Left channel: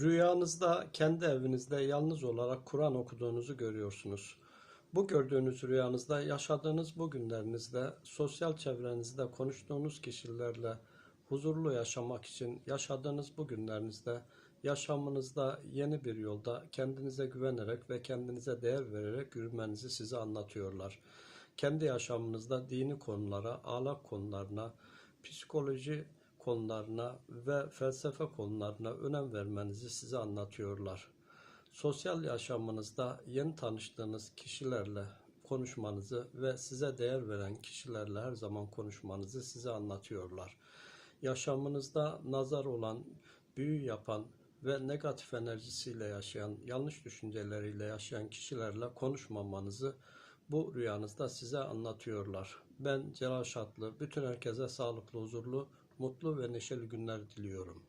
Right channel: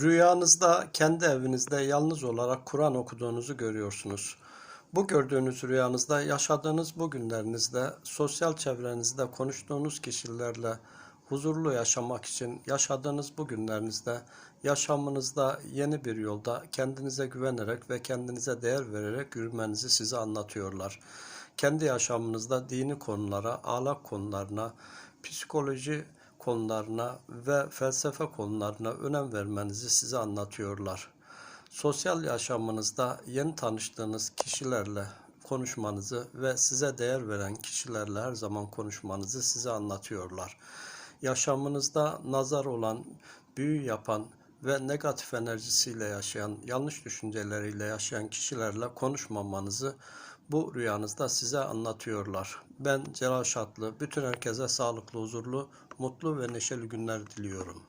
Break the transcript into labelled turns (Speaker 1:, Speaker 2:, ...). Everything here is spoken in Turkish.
Speaker 1: Rüyanızda kendi evinizde yalnız olarak Kur'an okuduğunuzu görüyorsunuz. Bu gördüğünüz rüyanızda yaşadığınız bu günlerinizde sosyal çevrenizde konuştuğunuz kişilerle huzurlu yaşamak için yaşadığınız bu günlerinizde yaşamınızda yeni bir yolda kendinize güvenerek ve kendinize değer vererek yürümenizi size anlatıyorlar. Kendi yaşamınızda dini konulara, ahlak konularına, psikoloji konularına ve felsefe konularına önem vermenizi size anlatıyorlar. Sosyal yaşamınızda yeni tanıştığınız kişilerle konuşmanızı ve size değer veren kişilerle her zaman konuşmanızı size anlatıyorlar. Yaşamınızda nazar olan, büyü yapan ve negatif enerjisiyle yaşayan, yanlış düşünceleriyle yaşayan kişilerle konuşmamanızı bu rüyanızda size anlatıyorlar. Ben Celal Şatlı, bütün herkese sağlıklı, huzurlu, mutlu ve neşeli günler diliyorum.